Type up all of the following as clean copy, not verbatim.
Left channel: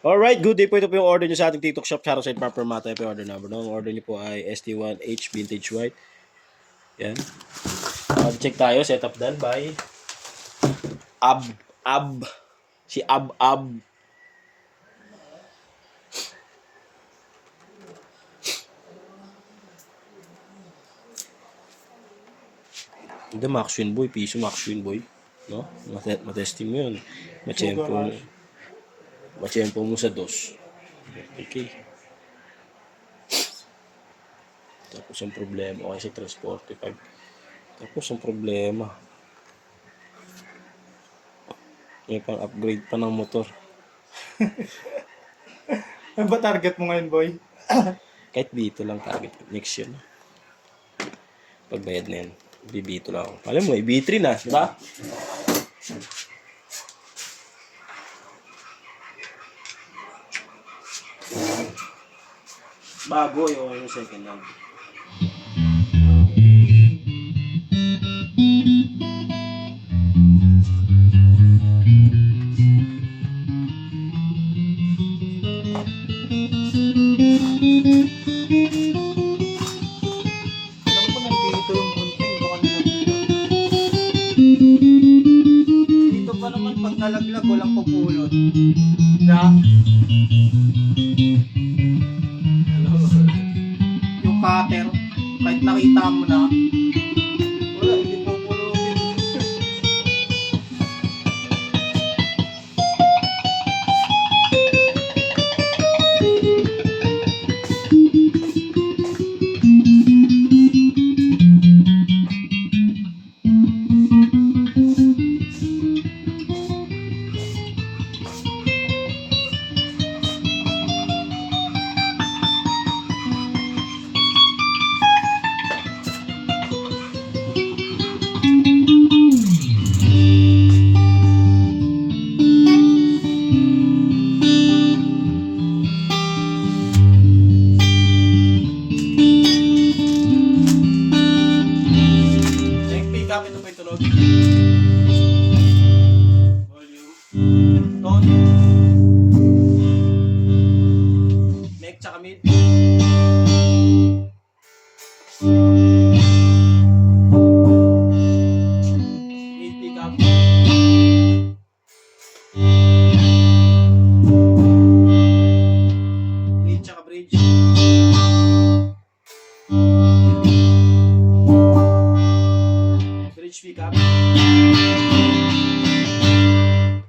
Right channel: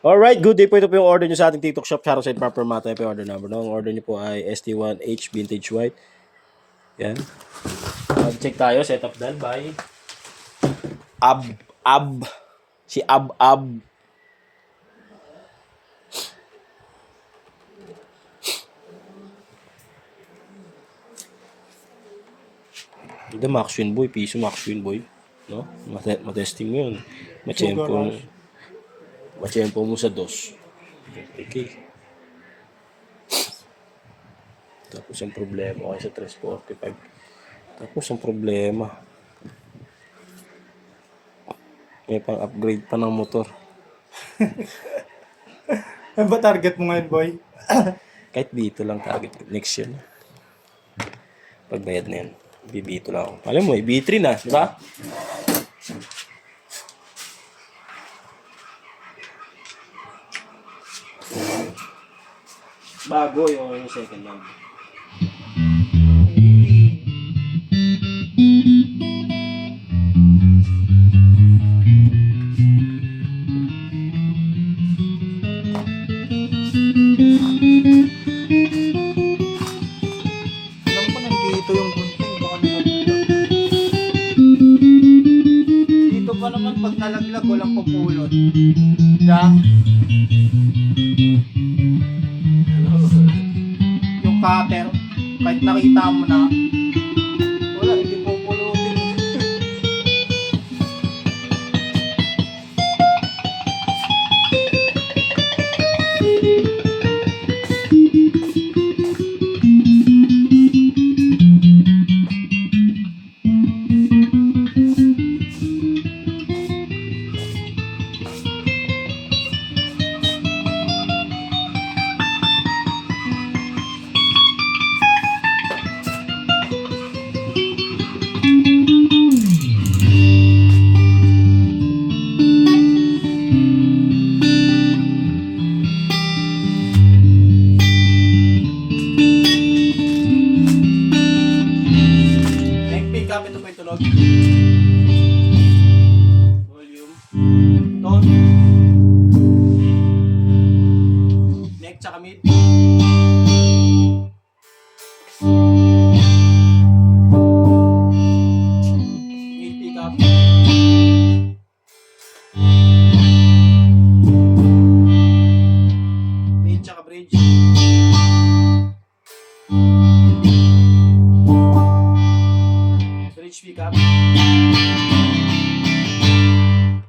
Alright, good day po. Ito po yung order nyo sa ating TikTok shop, Charoside Proper Mata. Ito yung order number. No? Ang order nyo po ay ST1H Vintage White. Yan. Check tayo. Setup done by Ab. Si Ab. Hindi, Maxwin Boy. Piso Maxwin Boy. No? Matesting mo yun. Machempo mo sa dos. Okay. Tapos ang problema. Okay sa 345. Tapos ang problema. May pang-upgrade pa ng motor. Ano ba target mo ngayon, boy? Kahit dito lang target. Next year na. Pagbayad na yan. B2 lang ako. Alam mo, B3 na. Di ba? Bago yung second hand. Alam ko nandito yung bunting. Baka nalaglag. Dito pa naman pag nalaglag, walang pupulot. Diba? Yung cutter, kahit nakita mo na, wala, hindi pupulutin. Neck pick up. Ito po yung tunog. Volume. Tone. Neck tsaka mid. Mid pick up. Mid tsaka bridge. Bridge pick up.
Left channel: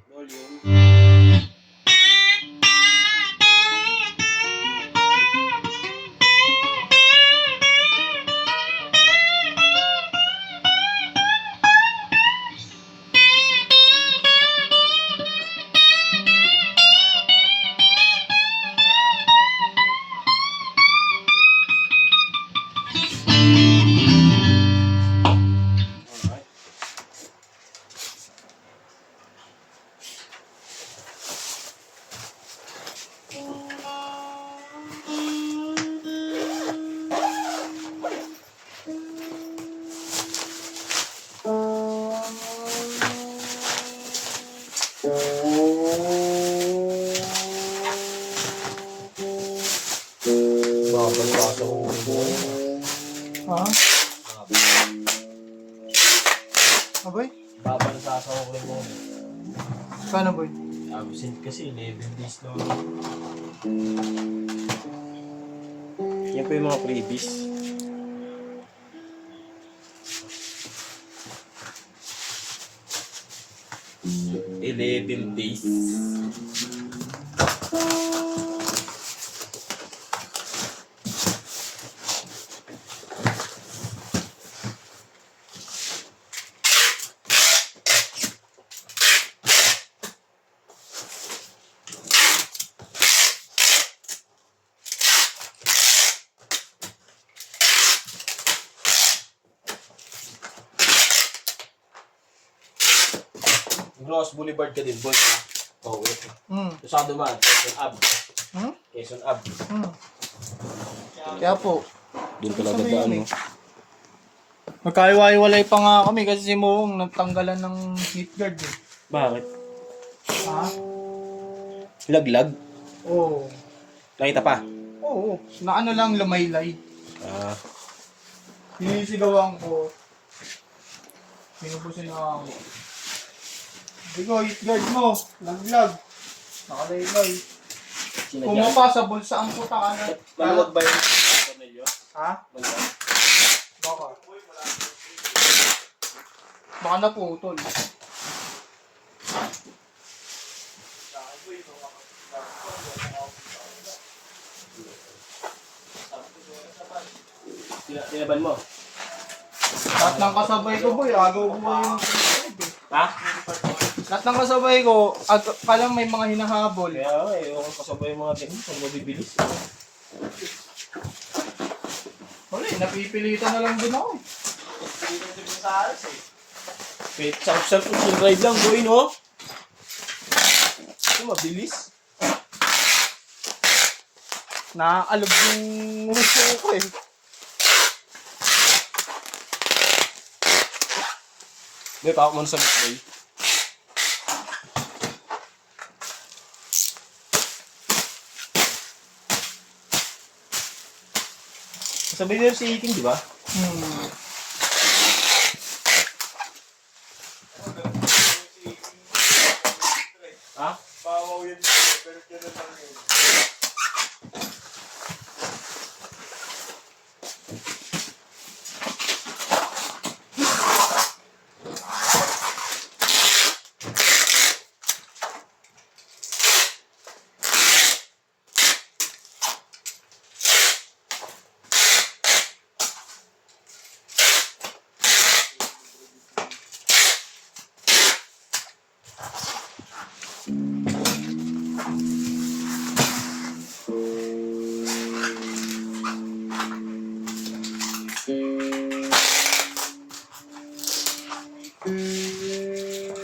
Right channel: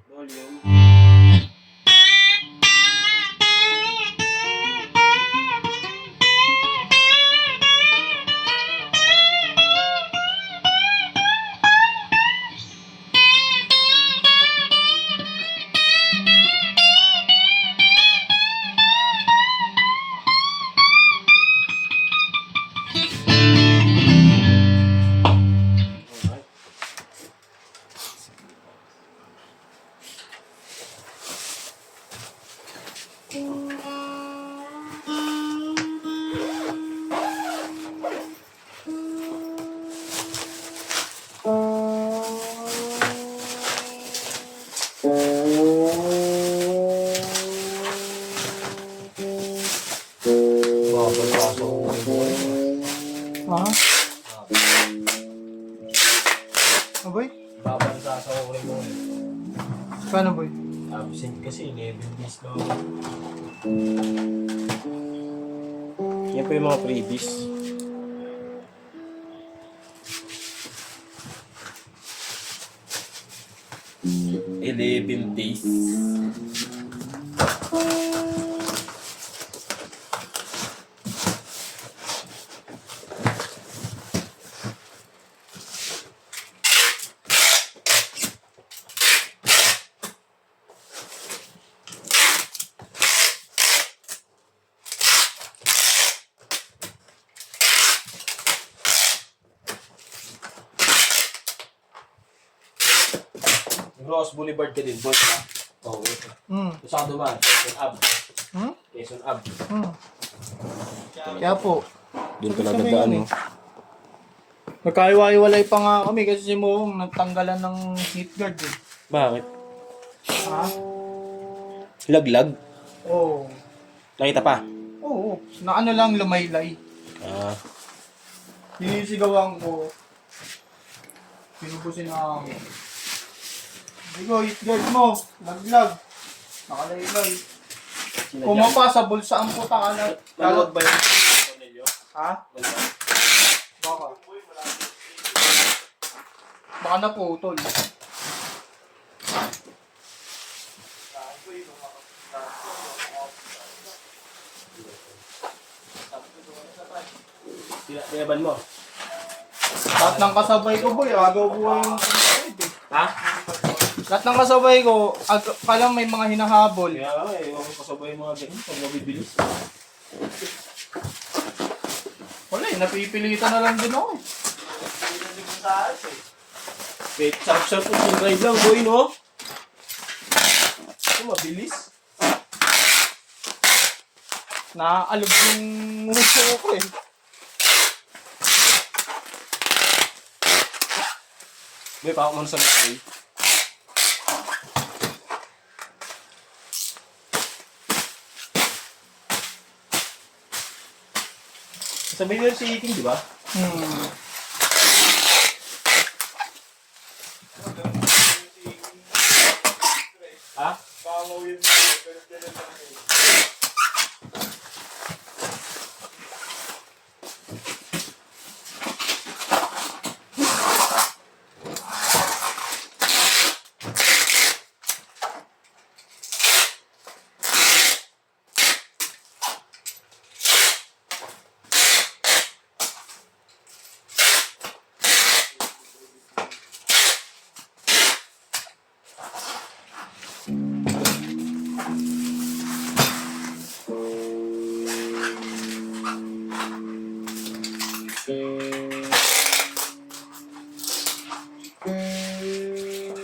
Volume. Alright. Babasa ko boy. Ha? Aboy? Babansa sa ko rin mo. Paano, boy? Absent kasi 11 days lang. Yan po yung mga freebies. Eleven days. Ross Boulevard ka din, boy. Oh, wait. Sa dumaan, Quezon Ab. Quezon Ab. Kaya po, Doon ka nagadaan, no? magkaiwa-iwalay pa nga kami kasi si Muong nagtanggalan ng heat guard eh. Bakit? Ha? Laglag? Oo. Nakita pa? Oo. Na ano lang lamaylay. Ah, Sinisigawan ko. Pinubusin na ako. Digo, hit guard mo. Laglag. Nakalaylay. sinadya. Pumapa sa bulsa ang putang ano. Maluwag ba yung tornilyo? Ha? Maluwag. Baka. Baka naputol. Tinaban mo? Lahat ng kasabay ko boy, agaw buhay yung Ha? lahat ng kasabay ko, kala may mga hinahabol. Kaya nga eh, ako kasabay yung mga ganyan pag mabibilis. Wala eh, napipilitan na lang din ako eh. Wait, sarap-sarap yung drive lang, boy, no? Ito, mabilis. Naaalog yung nguso ko eh. Boy, pakak mo na sa motoy. Sabi niyo si Iting, di ba? Ha? Bawaw yun. Pero yan ang talaga yun.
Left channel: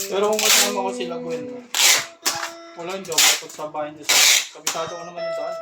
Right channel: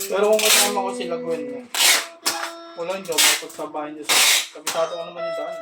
Pero kung kasama ko sila Gwen, wala hindi ako mapot sa bahay niya sa kabisado ko naman yung daan.